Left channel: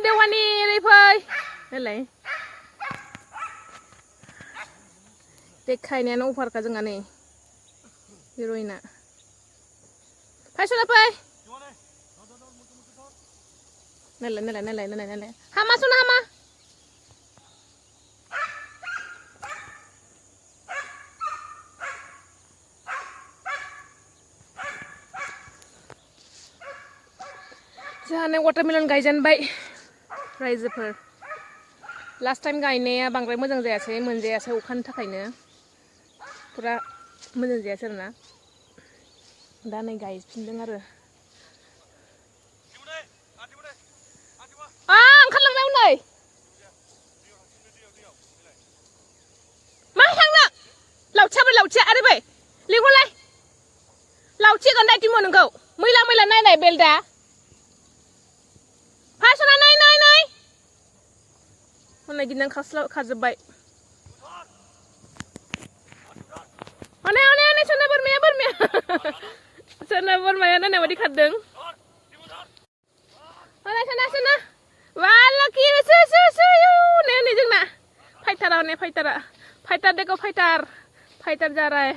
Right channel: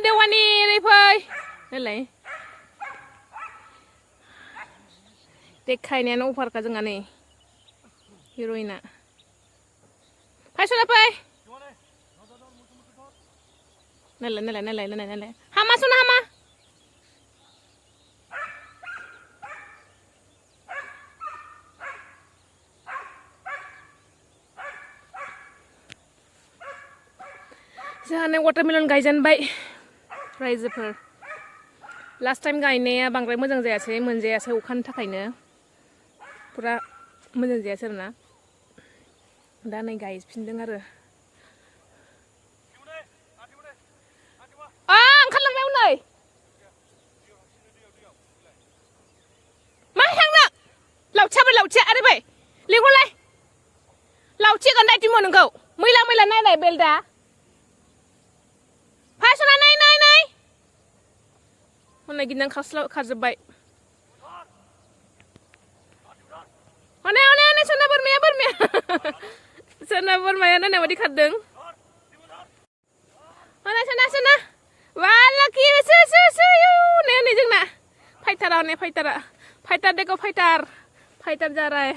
Bwtwrni đi phơi. Đây lấy. Dekai nih, no upar kajeng ane. Heroina. Phơi xuống phơi. Nela. Hama xuống hama. Jangan watermelon gaयजेन बाय रायजोफोर last time गायनाया बांद्राय मोजां जायासै मोनजायासै अखानि थाखायनो पुरा मोजां जायासै आरोना दा नै गायफिनदों आरो ओंखारलांबाय नै मा थांनो लावथिया आरो बै लिंहरलाय लावथि गान्दा दिमो नोंखौ मैला नायनाय बेलदा Pasana nay. Mana ginang khazabay. Ane sana bermaya. Sana bermaya na wadi khadeng. Sana. Wala kira su ne jengna. Fighter. Fighter deko fighter. Fighter jaray.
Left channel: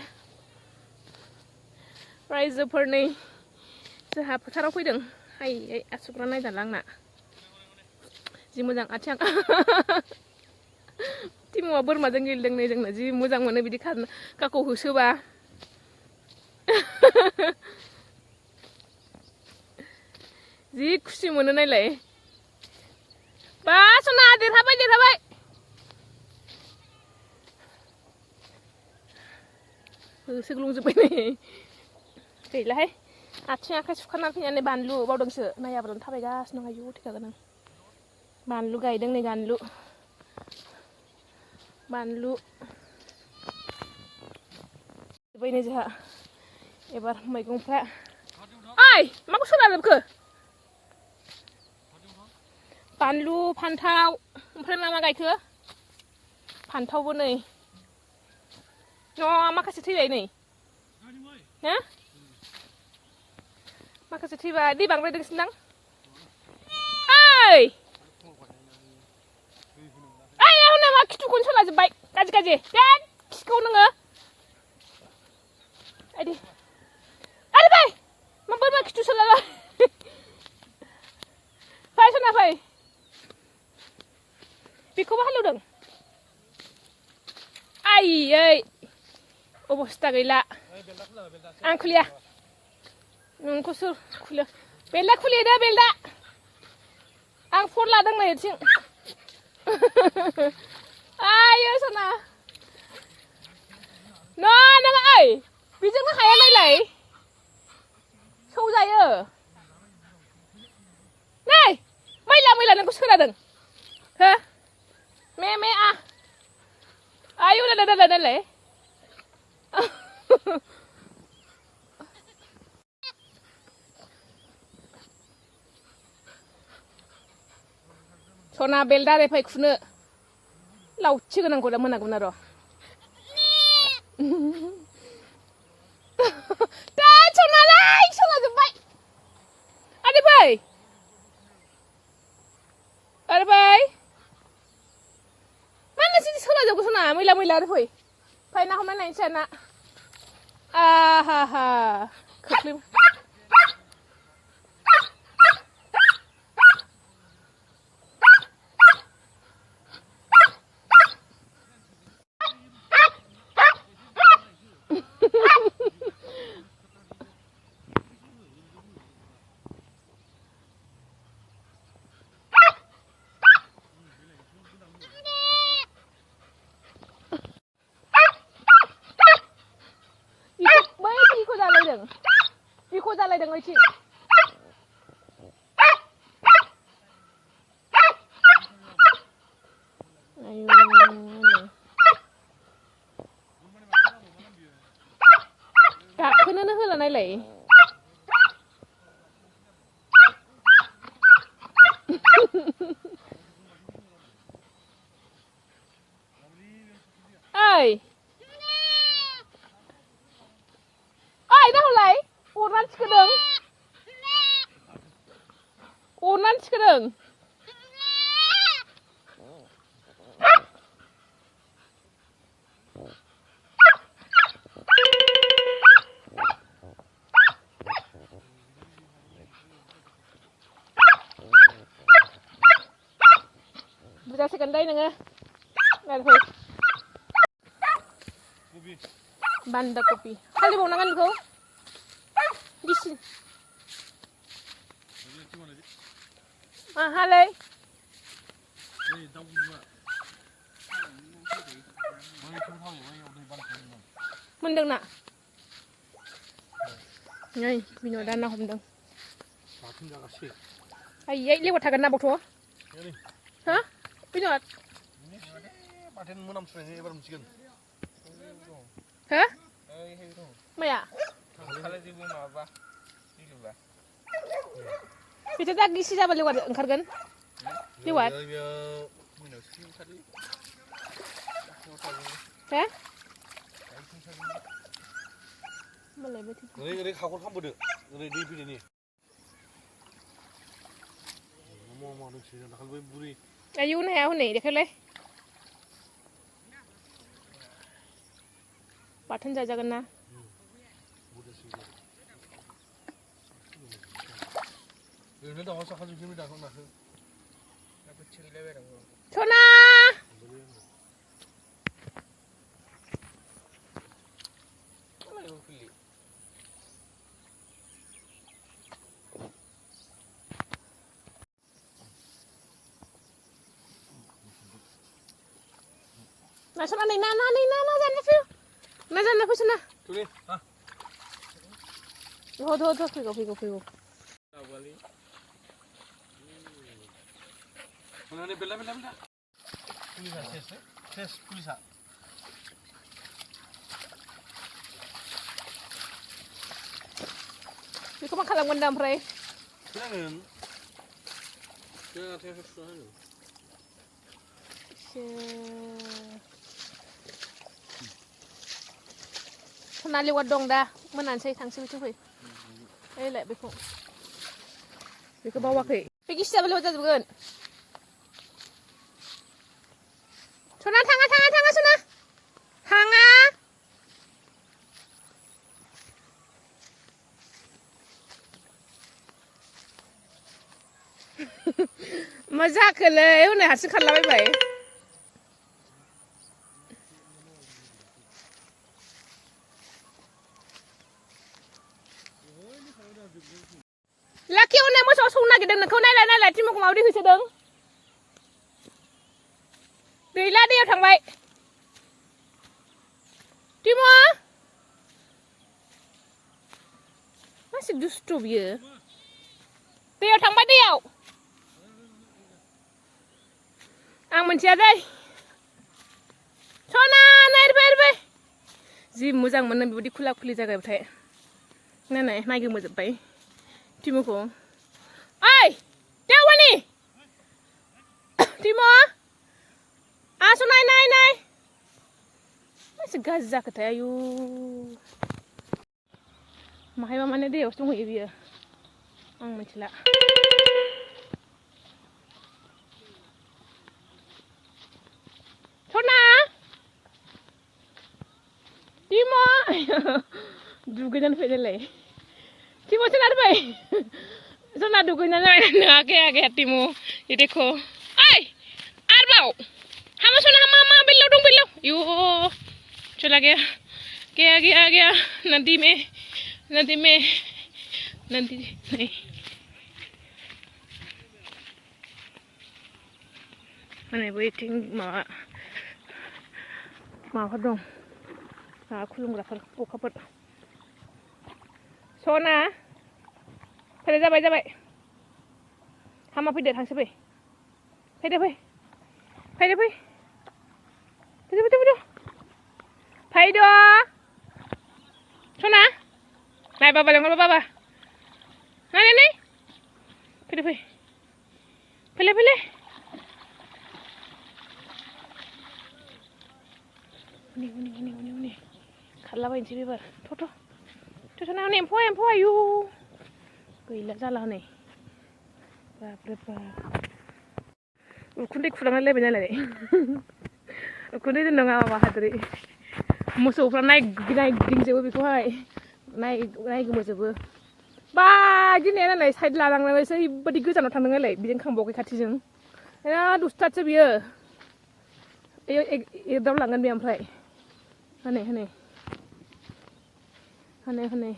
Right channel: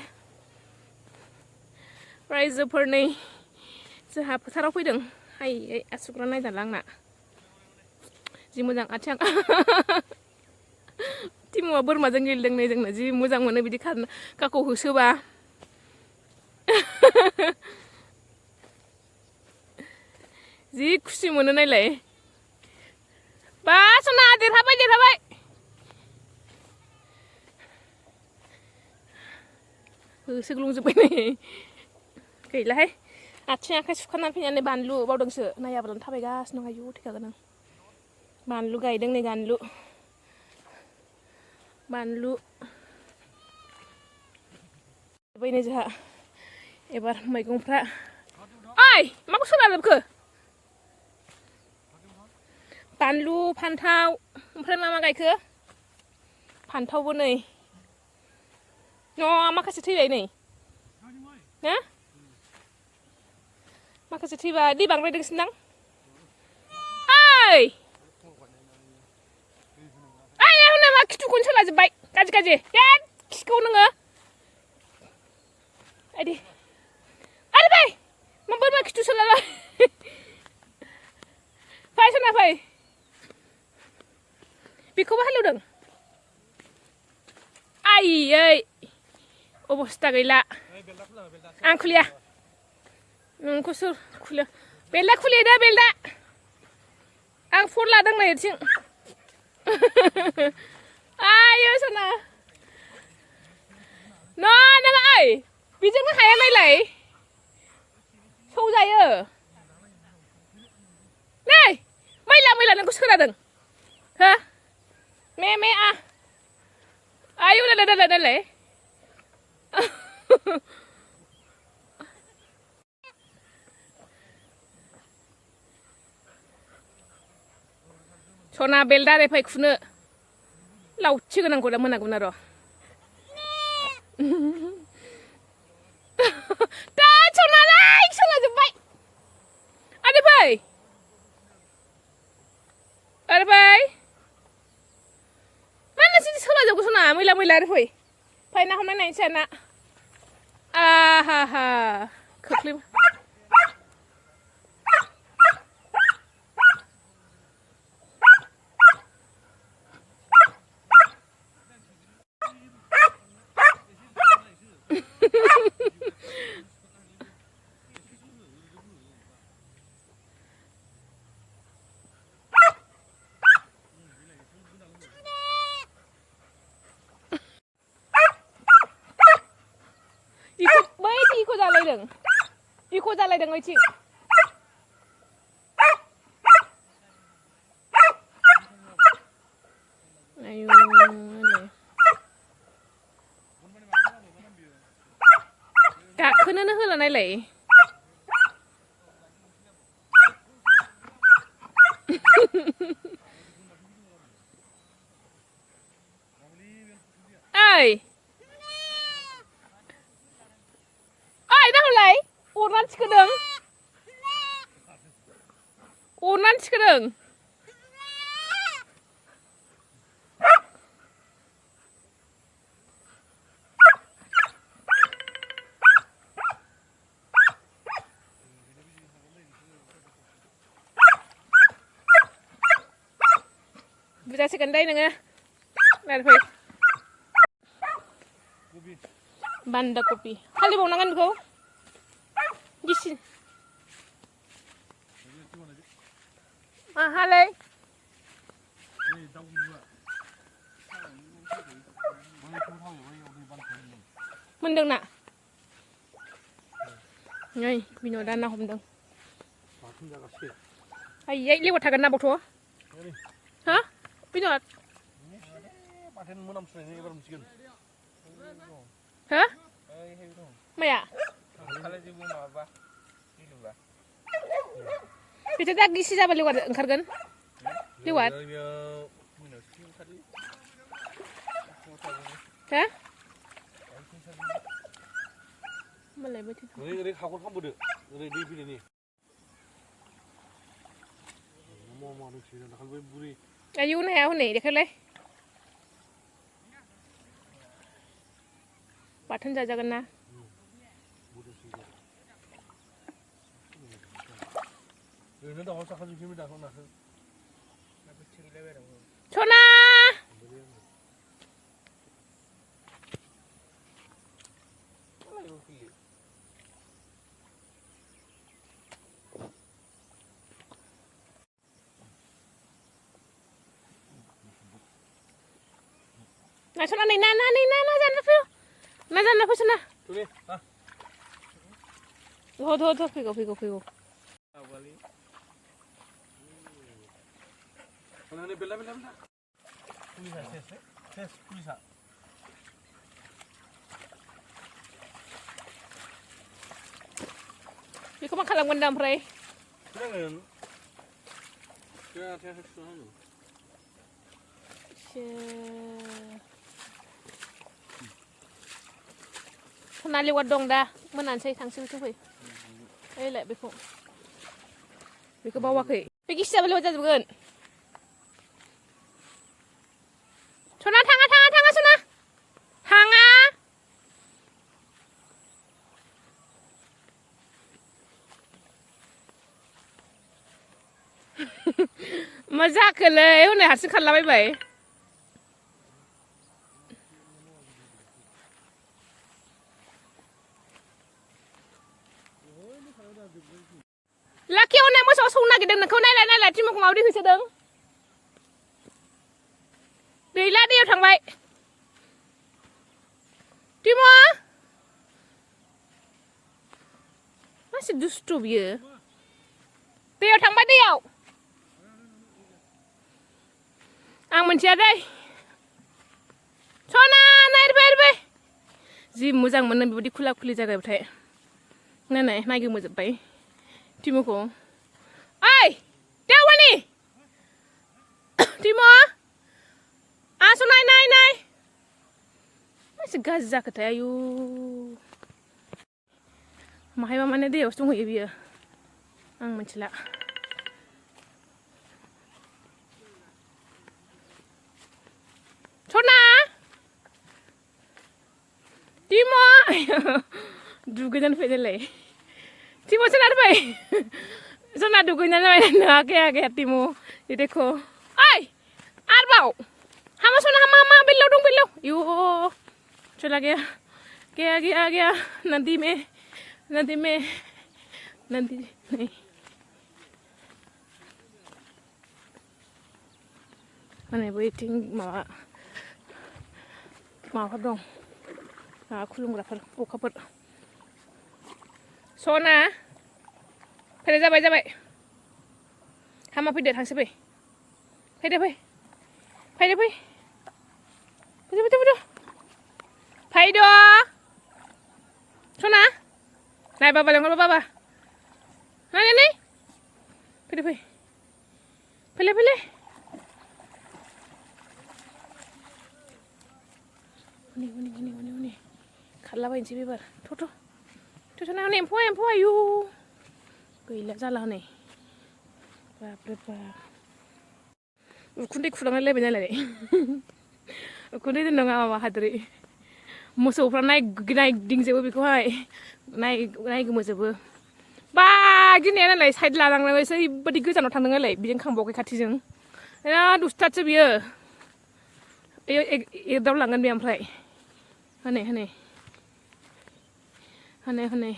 Bwtwrni. Joha फोथाराव फैदों. Hai asukra naय दालांना. जि मोजां आथिं टिमुआ बोरमाजों गेलेदों नै जोंना जि मोजां मोनो बिदि खारनो काखौ होसोबा जि खुसि मोनो नायलाय बा सना देरहाबाय होसोग्लुंजोब्बाय नै गैलाहाय आथिं आखाइ सुखानानै फैनानै बानलु बावदोंसो नायाब्लानो थाबायगासिनो आयु थैखागोन आं बानलु गायदों नै बानलु बैनो जोंहा एबार मैगंफ्रा ओइ माखौ सोलाजोबखो बानलु फान्थाव ओमफ्राय मा गायखो फान्थावबो नै माखासे थैबाय नै हो माखासे थैबाय दै बांद्रायदोंसोनदां ओइ खिथुखौनो सोलाजोब्बाय गाज्रि बेद खिखौ नोङो आइदि आरो बै मा बोरमा खिथु सोलाबाय फै सना फै बेखौबो हालेवदों आयै अबस्था गैला आं खुलिया नोंखौसो खुलिया बेलदा खुलिदो बेलदा आं फन लादों नै आथिं आयो सना नों ओइ बेजोंनो हाया नायलाय सौजायो नै मैला नोंखौ सोरादों हो मे आयु नायलाय सना बेलदा रे फै खुनो लावथि गोनांखौ दा मोनागौमोन आरो दा सनालाय सोलाजोब्बाय आरो फै मानो सिदि सोलाजोबगौ सना मैला आरो फै ना हमनाय नायनोसै ना आहा खोख्लै इको जालायदों ओइथिं आयु गाखोनोनो होला नायलाय ओइ नाहरलाय अरनानै थिखोदों जासिगोन दै नोङो नार फै बान्दा कपि फालिबावनांगोन बेखौ गिसि हालाय मोनदों ना नै बिन'दा ना हमदों आयै लेवार थागोन ना बावथ' हा बिन'द बाथोन मोनामसुनाय एबार मोनसिगोन हो माया बेथ' दा गिसि जाबा लेवार ओंखारगोन लेवार हो मालाय बोथोर ओरै खाखर खालामबोदो ओरै दै फैनायनि मा नोंसोर दाखालि बुरि आयौ नाया हनै देखायलाय बाथोन जाजागोन ना ओरैनो दाउआ साखाजोबसै दाखौ नाखौ सना Nah, sana nih, nah, sana apa sana? Tuh, figo. Ini bela. Polisa. Itu mah kalang gandam, Frey. Jangan. Ya, harus suara. Sona lewat dong dah, menansai tangsi itu fai. Lek beku bawa ke. Pergi siapa lewat jatuh kan? Sona tanga Sona. Tanga. Mazak le, udah hasil kalah bye. Laki orang yang masuk sungai kita nak kau naik cuma kau mau di sini sedang. Dia thằng vậy. Timo. Masih dustu dia. Dia thằng vậy dia. Ang mencari đây. Sona naik be. Ji muzang mana budi kuli jaga betul. Nenek lagi muzang bay. Timo ko. Ay! Bwtwrni! Timo! Aso nay. Masih gazak tayo. Mahal mana dia usung hoy biya. Ang mencela. Sona! Timo! Dugaan fedele. Timo sana ada bay. Sana dugunya na ake Timo. Ini देखो. Ay! Arbau. Hama sona hama bilau. Yo. Chala gaya. Nanti नहीं. Mana waiting ma dong. Aku belum dapat buka pun. Sona. Phải ra vậy. Hama phải đợi thằng sẽ về. Phải đi. Phải đó. Sona. Này baba lên baba. Này. Phải đi. Ini. Kalah bain sih biar. Tuh. Tuh sana nih empoi ayu. Gila salah nih. Berapa? Ukunde kurang lebih nyala deh. Ukunde itu nggak hadri. Musuh pernah naik ding sebu biku hai. Naik musuh. Bah, gini ya nalai side ladang nalai saya badi gue jangan tandang nalai. Bijeng kang bawa kaki jeng. Ya dustatसो बियो एदावलांगोन बे ओमफ्राय हनै हनै हनै हनै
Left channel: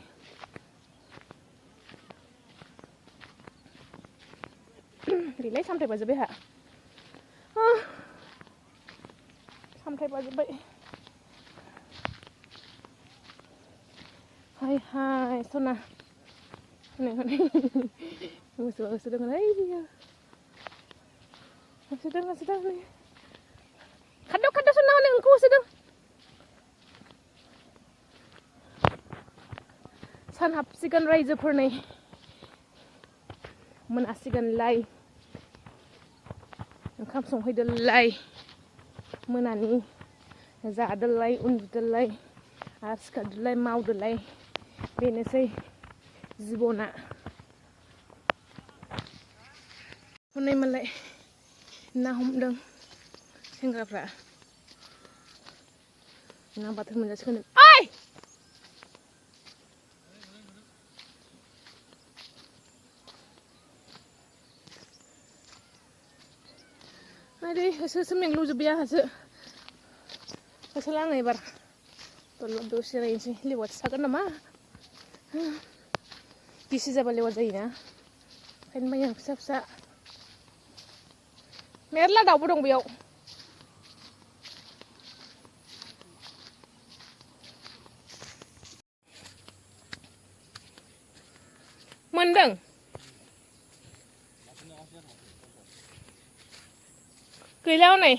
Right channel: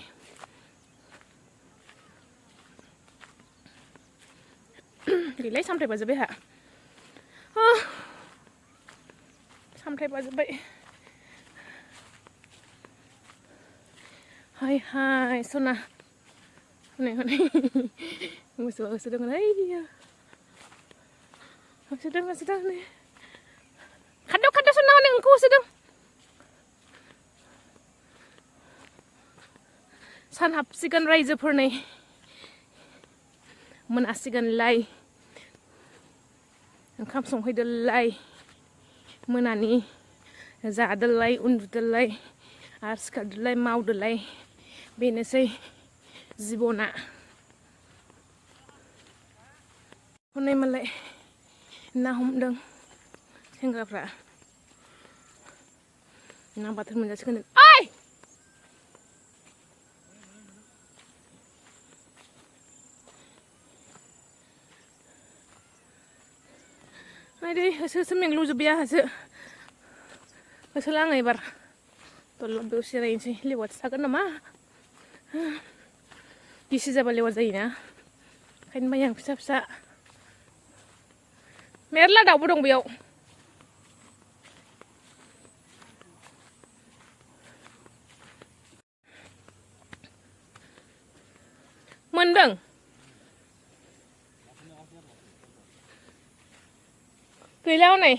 गैलाय सामथाइ बाजोब्बाय हा सामथाइ बाजोब्बाय हाय हाय सना हनै हनै मोसौआ होसोदोंमोन ओइ बियो होसोदों होसोदों नै खारदो खारदो सना हनै नोंखौ होसोदों सान हाबसिगोन रायजोफोरनि मोनासिगोनलाय ओंखाम संहैदोलाय मोनानि जादोलाय उन्दुदोलाय आरो सिखारदोलाय मावदोलाय बेनोसै जिबना हनै मालाय ना हमदों सेंग्राफ्रा ना बाथोन मोनजासिगोन ओइ आरे होसो होसो मेंग्लुजोब्बाय आंहासो होसोला आङो एबार दलद दसे जिरायनोसै लेवारसो थागोन नामा गिसि जाबा लेवार जायोना ओंखायनो बायो आं फिसा फिसा मेरला दाउबो दं बेयाव मोनदों गैला हनै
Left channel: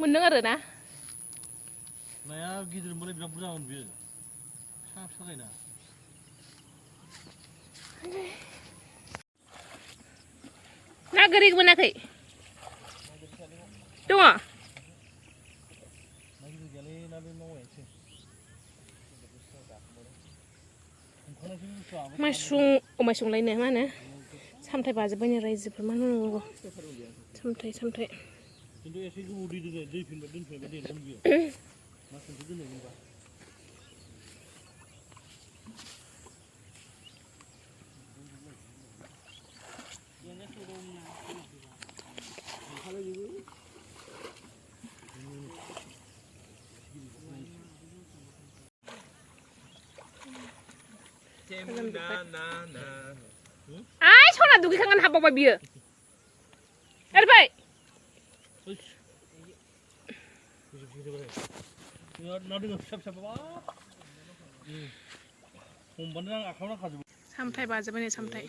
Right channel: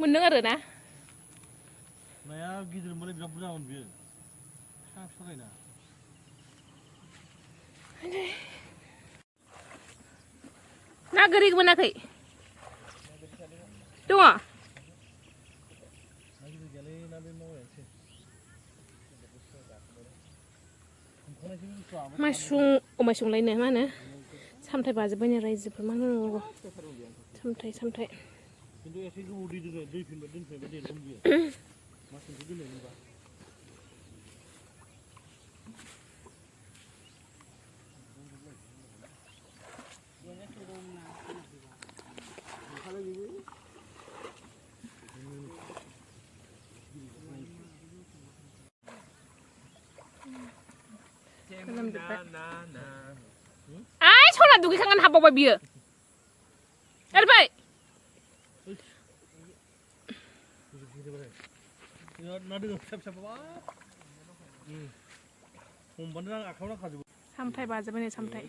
मोनदों आरो ना नाया गिदिर मोनबाय बिराद बुरजामोन बियो फिसा फिसा जायोना ना गोरि मोनाखै दङ माइसुंलायनो मा होनो सामथाइ बाजोब्बायनो रायजोफोर मा होनांगौ सामथाइ सामथाइ खिन्थु एसे गोबाव दै दोनफैबा देरगोन बियो मास मोनसे दोननायनिबा आइ सना दुगैखांनानै हाबबावबाय बियो एरबाय ना दोङो फिसा फिसा हमबानो आं आखायाव नांखाजोबो सामथाइ बाजोब्बाय नै सामथाइ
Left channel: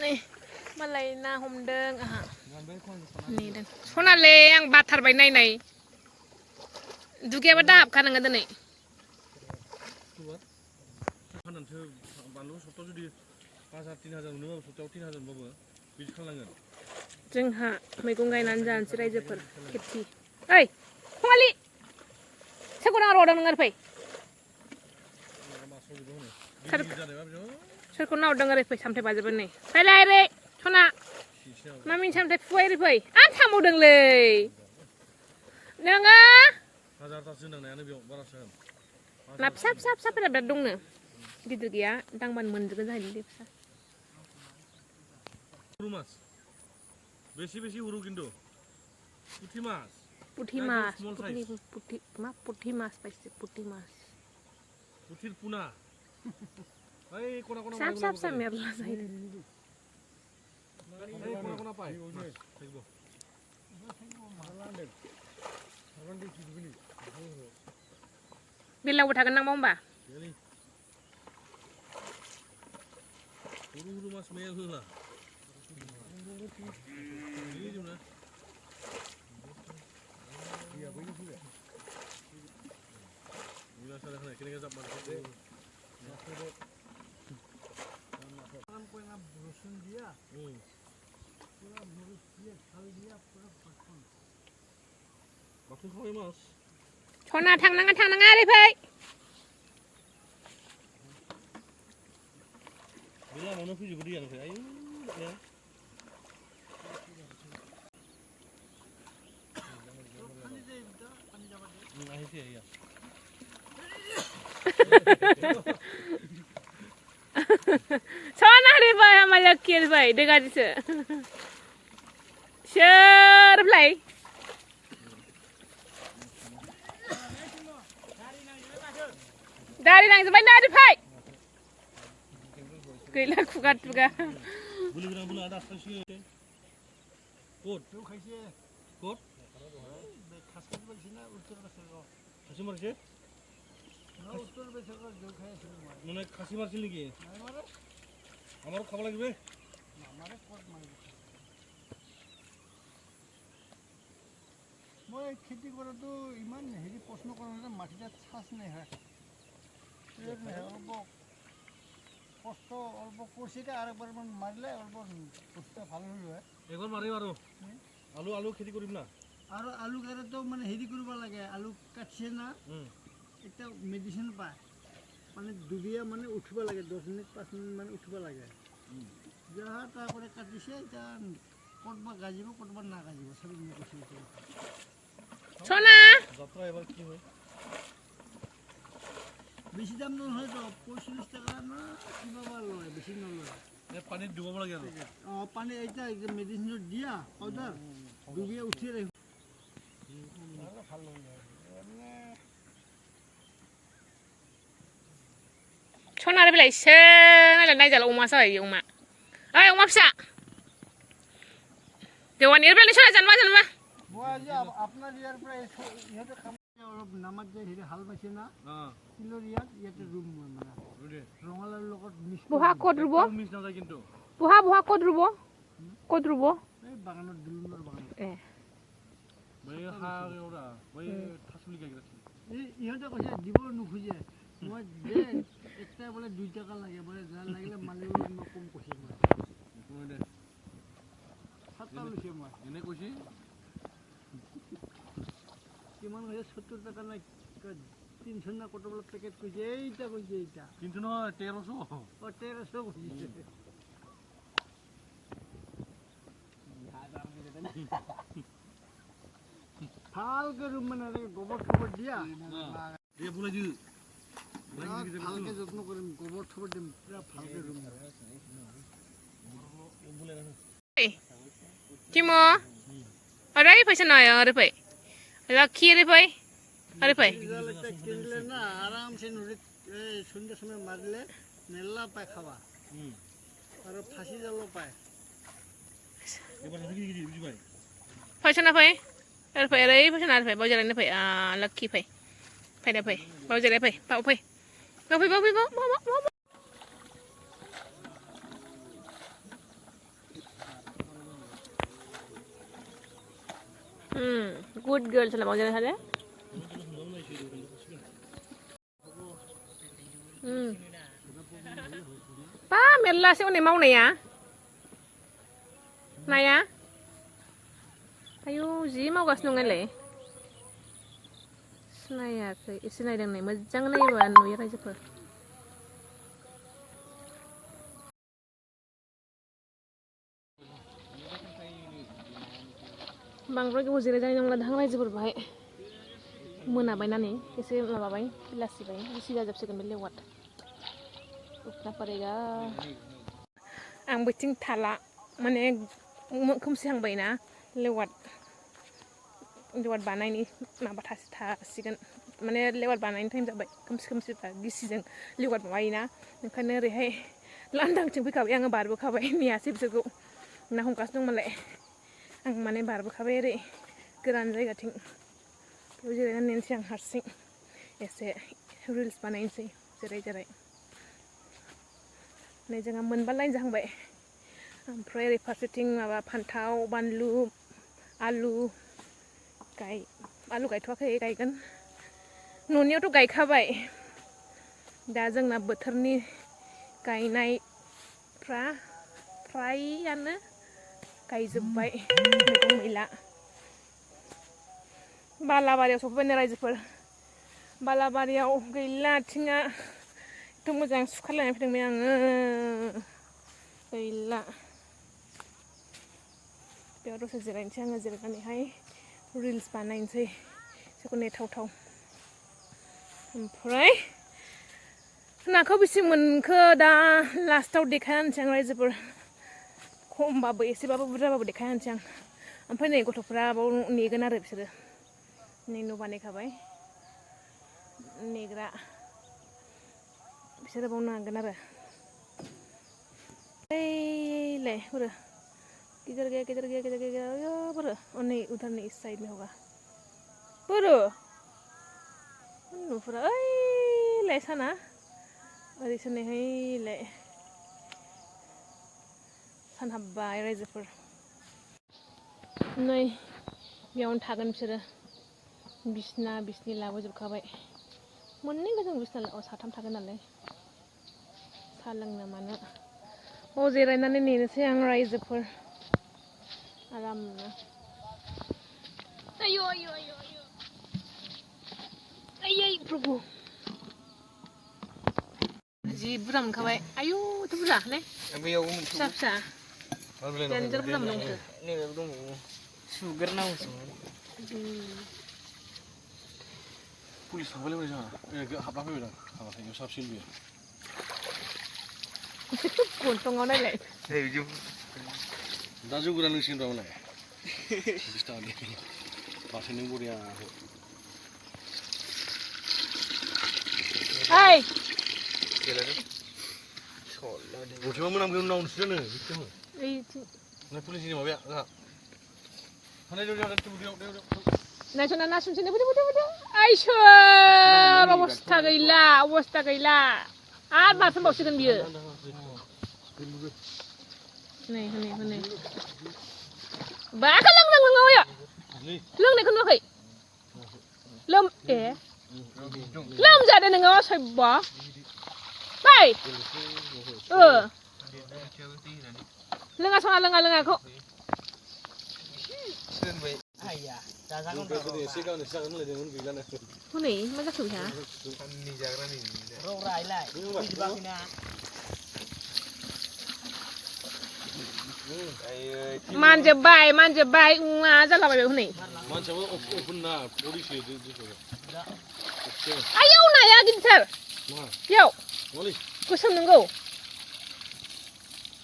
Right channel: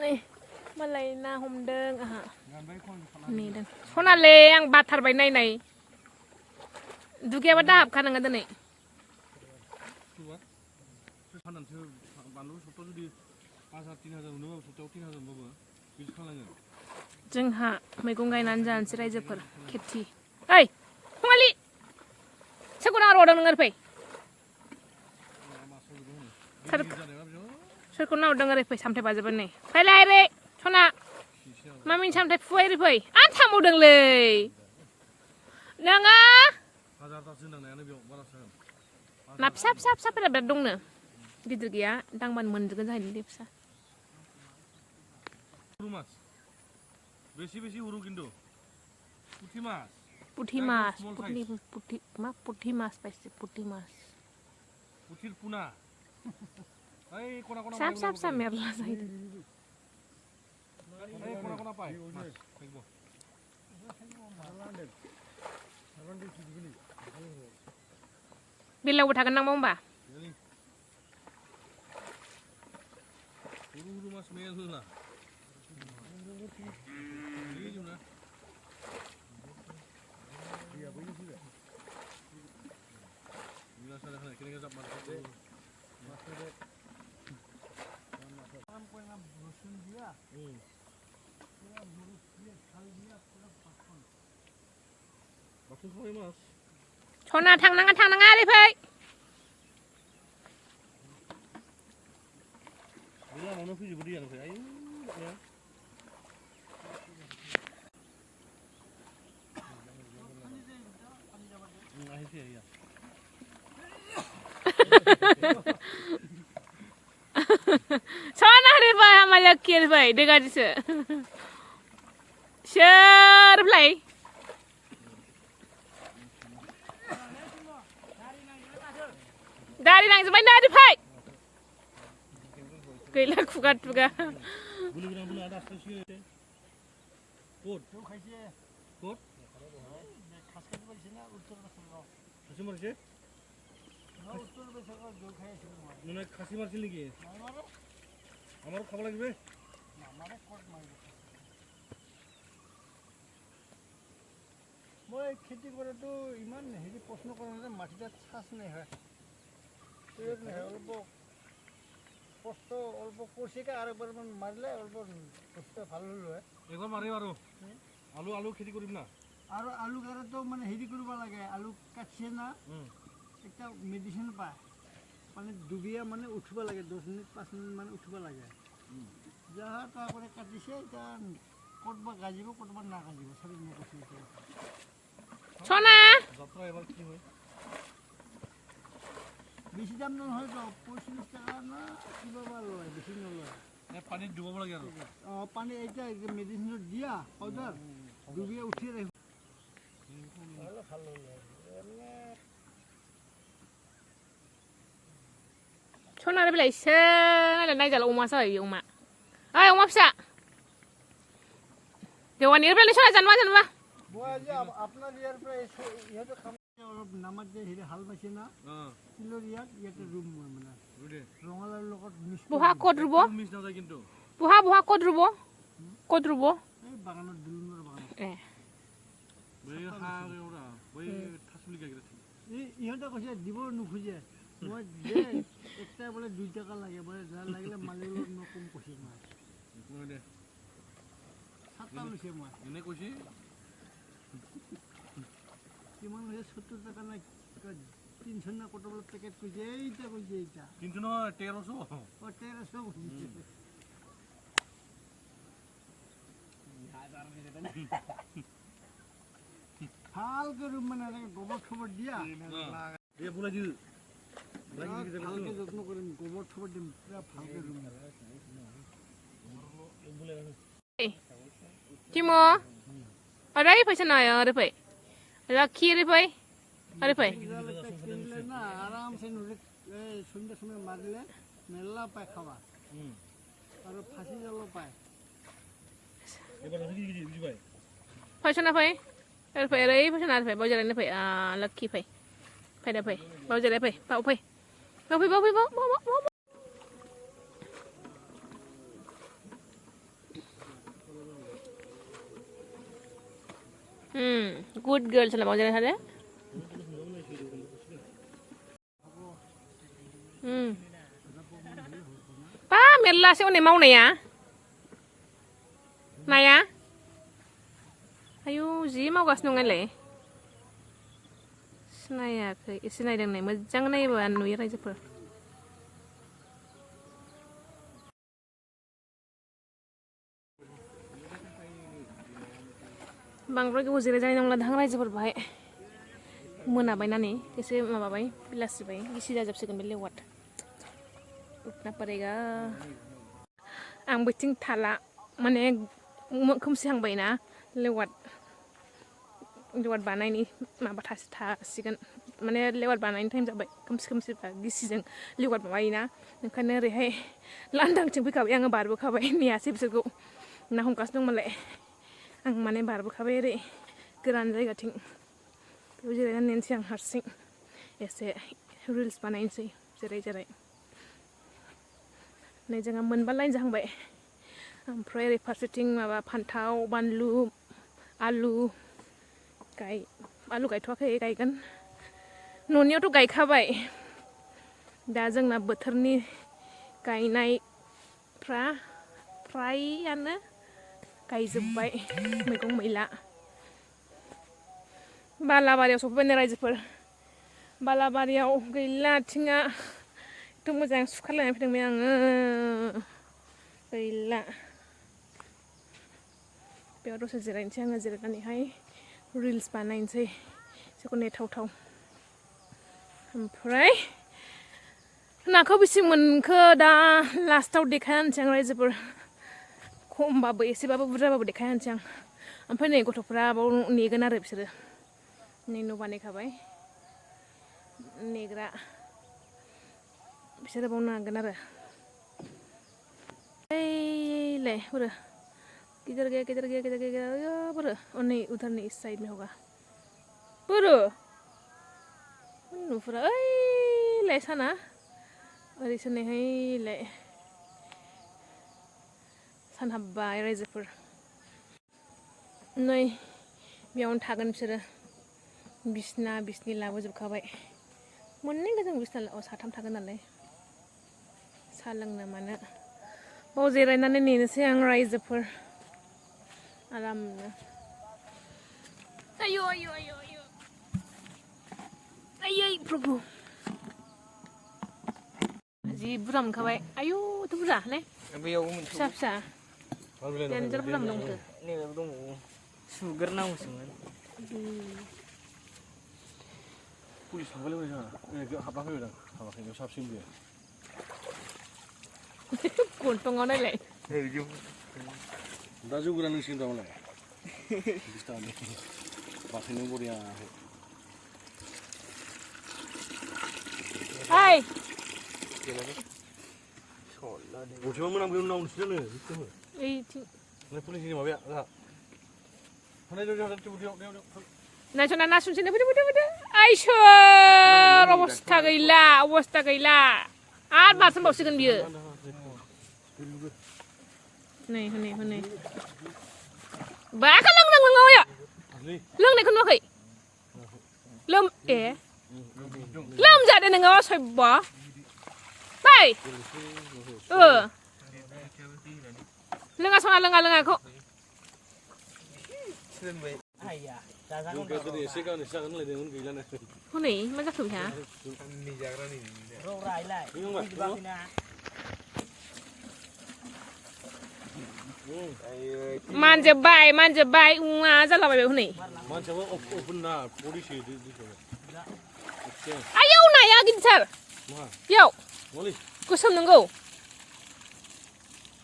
नै मालाय ना हमदों आहा नेदों सनालै आं बाथारबाय नायनाय दुगैयाबा दाहाबखा नोङो दिनै फाननानैसो बानलु सप्तायाव जुदि 5,000 3,000 मोनोबाबो सप्तायाव 3,000 मोनबाबो बिदि खालामनांगोन जोंहा मैगं गायनानै जानोसै रायजोफोर खेथि ओइ फुङालि सोरखौ नाहरदों नोङो फै सोरखौ नाहरदों ओरै फै सामथाइ बाजोब्बाय नै फैलाय ओरै सना मामिनि सामथाइ फुबाय ओरै फै आं थांबावदोंलै नोङो हाजारथासो नांनायानो बेयाव बारासो ना फिसा फिसा फिसाफोरा बिराद दंनो गिदिर गैया दांबानो मोनजोबगोन जाहैदों दे फिसा मास बेसे बेसे हरो खिन्थु पुथि मास पुथि मास पुथि मास पाइसे पुथि मास पुथिर पुना ओइ खना खना फिसा फिसा मेरला जाहैदों ओइ खना खना पाय थैगौ बेलावबो थागोन नामा होमबा हरु मास मेरला सना थांनाङा ओरै फै गैला मानो लोमनानै फैजोबो दैया ओमफ्राय आयु ahisi ya. Sana hari bay hamayak kiel bay dega dise. Share play. Gari nang sebanyak ada bay. Gila kugat juga. Bulu ada asal Kot. Kot. খাসি মারছে মানে খাসি মারছিল নাকি আমারও খাওয়া লাগবে মই খেতি কৰাটো ইমান হেৰি প্ৰশ্ন কৰা নাই মাটিটা চাচ নাই হয় অল্প কষ্ট অল্প কৰিছে আৰু একবাৰমান মাৰিলে অল্প কষ্ট ভাল হ'ল হয় একবাৰ মাৰিম আৰু আলু খেতি কৰিম না আৰু আলু কাটাতো মানে হেৰি কৰিব লাগে আলু কাটিছে না এটা মেডিচিন পায় মানে ডুবিয়া মানে উঠিব লাগে 10 মিনিট 5 মিনিট মানে উঠিব লাগে যাহা তারপরে কাটিছে এটা কতবা গাজিব কতবা না গাজিব সব মই কৈছো সোনা যাত্রা এবার কি হয় বেশি দাম নহয় তো 45 টাকা না কিবা বা লয় বেশি নলয় পানি ডুবাব লাগে আৰু পানি এটা মেডিচিন দিয়া পাউডার ডুবিয়া উঠি রে Soalnya ada belai sen, ada naik jalan rumah saya, rumah. Ayo rumah bisa. Dewan ini belai sana jangan. Buat aja, apna liar pray, ya tu kami orang nama je hidup hal macam na. Kilo liar, ya tu room mana. Rongalan lokot mis. Buha kod rubo. Miss না যায় কিন্তু Buha kod rubo. Kod rubo. Banganot dulu banganot. बै हा एउटा बै थासुलि गायग्रा ইহঁতে কৈছে দিব নুখুজে মই দে একটা বলে 2 টাকা লাগে বলে যা লাগিলে মালিক মই কম কৈছে মই দে সাতটা লৈছে মই এনে কৈছে কিমান হৈছে 70 টাকা না 300 না কত বলে প্যাকেট কৈছে এইটা কৈছে এইটা 300 নহয় 1300 ও 1300 কৈছে ভালকে রুম মানে গোবর খবর দিয়া দে বুলাই দি ভালকে যত্ন কৰিম গোবর খবর দিম ভালকে room Cimo. Ada apa sih naya ada apa? Laki ada apa? Ada apa? কিনলে না আরামসে নদীত সুন্দর সুন্দর মারলে মেলা পায় খাওয়া আর ফাঁসি জালও পায় এবার কি বুঝি ভাই Pasal apa? Ada apa? Ada pasal ada apa? Bawa jalan apa? Laki apa? Pada apa? Bawa jalan apa? Bawa apa? Bawa. Good girl cila bawa jalan ada. Pa, merla sih orang mau naya. Naya. Ayo, ji mau gas nungan le. Naya, isi naya deng naya, macam naya bawa nuya aja per. Bang Roy gue zira jadi nongla dahang aja per baik. Mana bayi nani, kese mana bayi, pilasi bayi, isi aja bisa kembali lewat. Utna parega. Ang beting thala, mana kumsi hang bayi na lewat. Lewat banai ni ma batas sikan mana lewat banai ni time sampai kumsi tak disijeng lewat bayi na kan rehai landang cengpi kau yang baru kau ni asib sego nah hongkas dong malai ang mana baru kau re keran jai gating tu jadi nan siang harsing ese reels banai sih cerai ni jangan menbalai jangan baik Ampere parseting ma pantau banlu alu आलु गायथ'वाखै गायगोन न'नियावथ' गायखाबाय दा जोंना बोथोरनि गायनायफ्रा फ्रायानो गायजोब्बाय मैगं मैला बालाबारियाव सफैबाय रायजोफोर बालाबारियाव गैला आथिङा एथ' मोजां सुखालायनानै फैदोंमोन आङो गैला बेयाव दसे जिरायनोसै आङो जिरायनानैहाय रिल्स बानायनोसै एसेखौ नेथावथाव ओमफ्राय नाखौ बेसे मोनखो दा लास्टाव देखायनोसै आं रायजोफोर खमबाबो एसेबाबो बुरजाबाबो देखायनोसै आं ओमफ्राय नै गथ'फ्रा बाव नेगोन आरो बिसोरो नै न' बानायखाबाय नेग्रा बिसोरो बाव नागोन आरो ओइलाय बोरो गिदिर गया बोरो नै उधरनि इस साइड में होगा बोरो नुफुरा ओइलाय साना ओरैसो नैहायलाय सान हाबबाय रायजोफोर नै बेयावनो थागोन बिसोरो बिसनि लाबोजोबखाबाय मोननै गोजों बिसना साथाम थागोन नालाय साहा लोंनो मानो बाव जिरायनानै नेनोसै आं रायजोफोर आरामनो आयौ प्रभु जि बुरजा मोनखाबाय आयौ एथ' बुरजा ने फिसा फिसा देन्जार बुरजा मोनदों नैबेबो दंबावो सुग्रोनांगौसोमोन पुलिस हाबबाय जोंहा हाबना फैबाय हाबाखै बेयाव साबसिन बियो गन्थंआव नायलाय दा जौ गोरान लोंसिगोन दा उनाव 20 थाखानि बाथोनजों बरिया ओइ गंसेबा मोनामगोन उनाव नोंसोरो ओइथिं पुलिसनि माबाया नायस'ना नासुनसैनो फैदो आइसोर अबस्था गैला आरो बारसोमबावसिगोन बियो नै हनै बाखौ लोंनायखौ नुवाखै लोमजादों नोङो सयबा बाय लोङा सना लोङाखौ हनै मा जाखो बेहा मानजोब्बाय उङा जालाबायबाय हनै आयौ नाया गिदिर बेयाव गोसोम नंगौ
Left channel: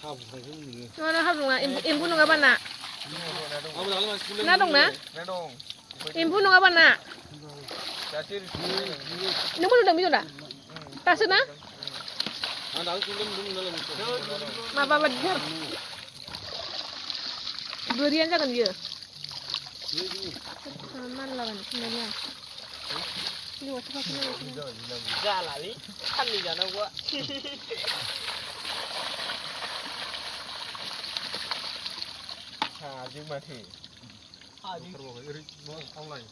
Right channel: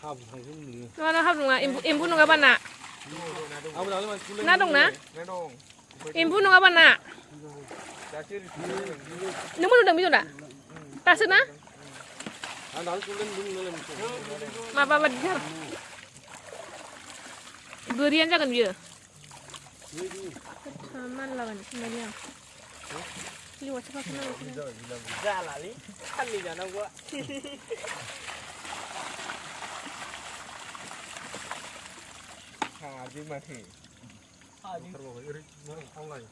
हाब्रु नङा एम्बु नङाबा ना दंना एम्बु नङाबा ना नोंबो नुदों बेयाव दा दासो ना माबा बादिथार गोरियानो जागोन बियो मानलाबानो थिनबाय आं जालालै साननै जानांगौआ हाजों माथो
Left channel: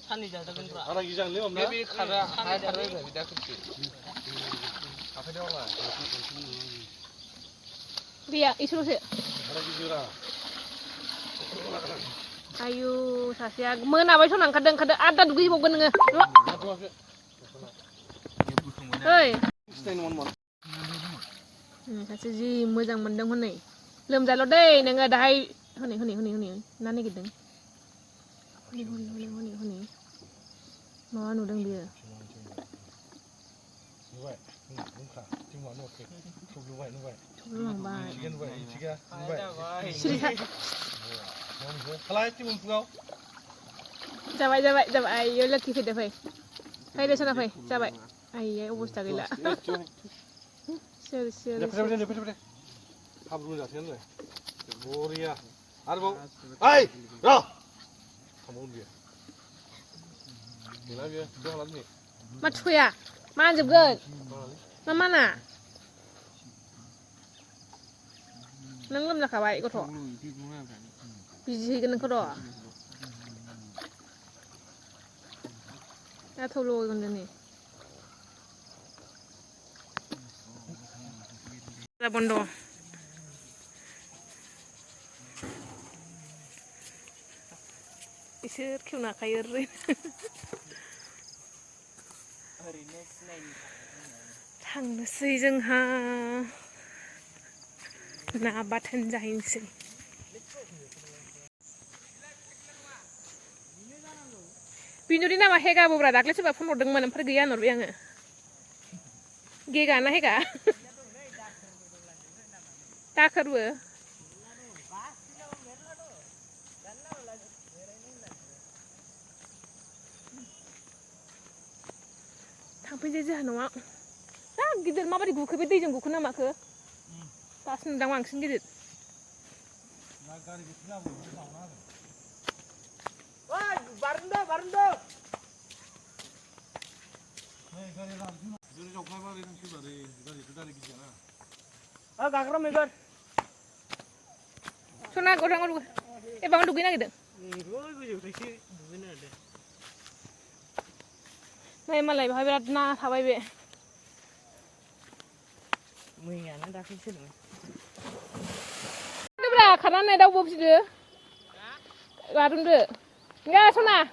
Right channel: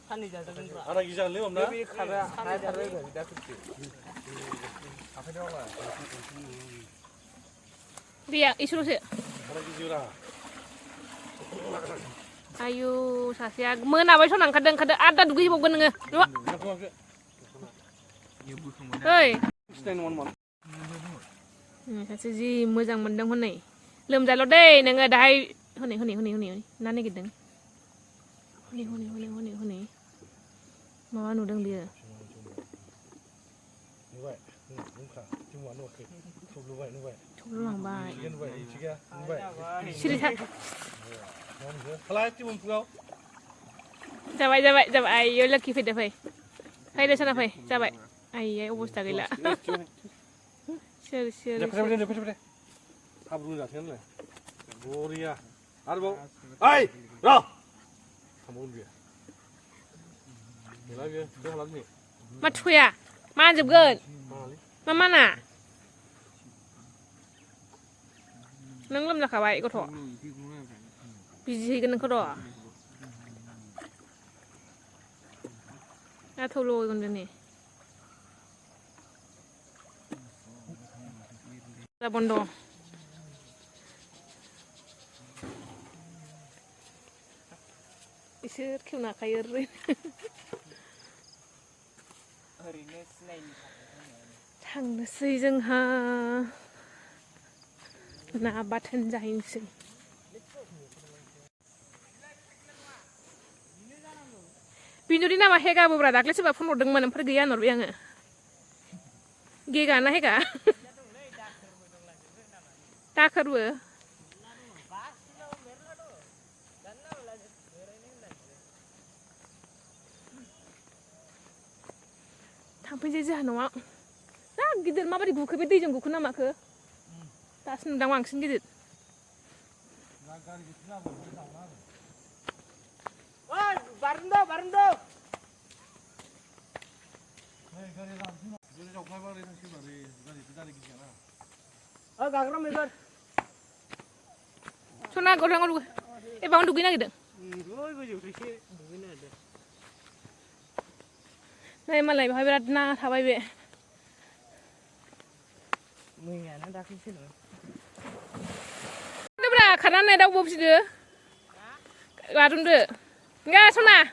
साननै जाजागोनब्रा बे खारा हाथारबाय बिदा खोथि गैया इसोरसो आयु सासेया मोनाबाय सना ओंखारदों आदा दुगैबावगोन नोङो ओइ सासे जि मोजां मोनदों हनै लोमजाल' दै नोङो दाहाय हनै ना नागिरदों हनै माबा नुदों बियो थब्ल'लांबाय सिरिथार जाबाय आइयो लोखि फैदो फैदो सना फै जाबाय आइयै अबस्था गैला सोर हाब्रु जाथायानो बरिया आरोबाव ओइ र' मा थुया मा होनजोबगोन मा माना नों लोमजाखाबाय गथ' बिजि हैगोन नोंखौ र' दा थौ लगैगोन जोंनि बन्द' इसोर खेवनो हाखायो थांनोसै जोंहा ना बाथोन जाहैनोसै बिनुनि नामा हेगा बोब्रा दाख्लै सोरबा फन हरदोंमोन ओमफ्राय गैया होनहरबाय आङो गेगा ना हेगा दाखोरबो थांफैनोसै जोंहा न'आव जा गिदिर माबायदि गुखो बे दैजों गुखो ना माखो दासो नुदां बांसिन गिदिर सना गरang lu bangun dugi na gitu Nay malai bahay berat na thabay be Mwigong dah kisah loh. Ini berapa? Karena ada bom sih deh. Garung deh. Enggak sana.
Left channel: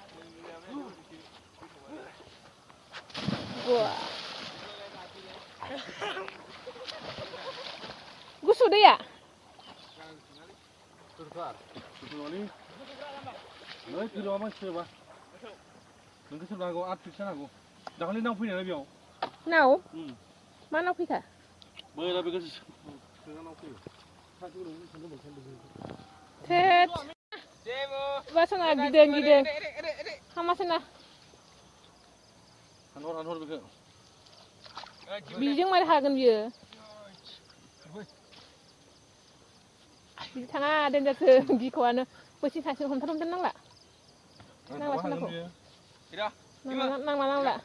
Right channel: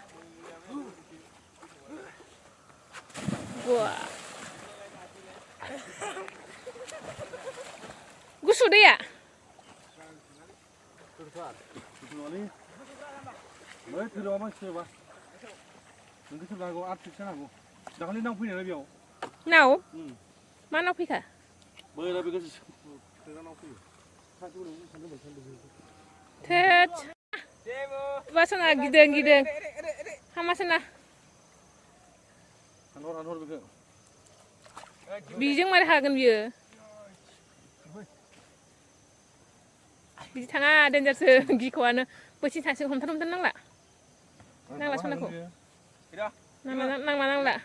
Wah. Gusu deh ya. Bwtwrni. Noi tiru apa sih bah? Nunggu sebelah gua artis sana gua. Dah kali nang punya lagi aku. Nau? Mana pika? Boleh tapi kasih. Tet. Basana gideng. Hamasana. Hanor begitu. Bijeng mari hagen bieu. Di tengah dan jasa gikuan. Pasti hasil homtarum tenang lah. Nang lah sana ko. Nang lah.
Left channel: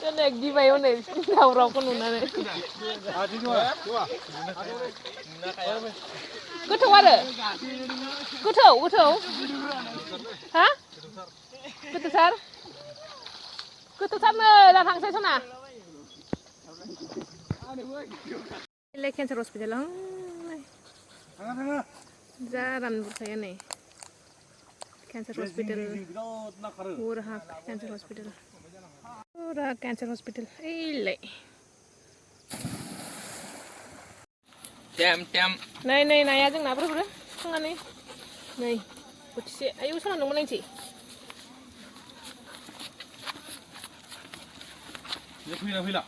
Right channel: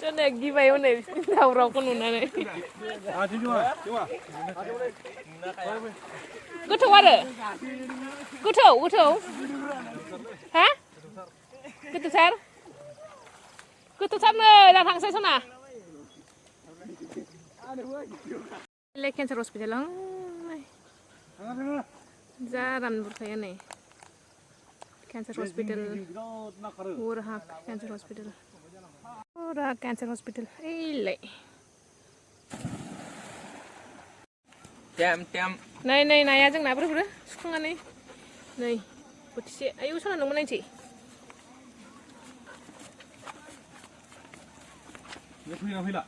Cho nên ghi vào này đầu rau con nuna này. Cứ thâu à? Cứ thâu. Hả? Cứ từ sát này là thằng xe số nào? Lấy cancer hospital lang. Ra ram saya này. Cancer hospital. Urhak cancer hospital. Ora cancer hospital. Ile. Tem. Này à chẳng nào bro. Không ăn này. Này. Bút xe. Ayo sana nung mana sih? Dia kuih lah.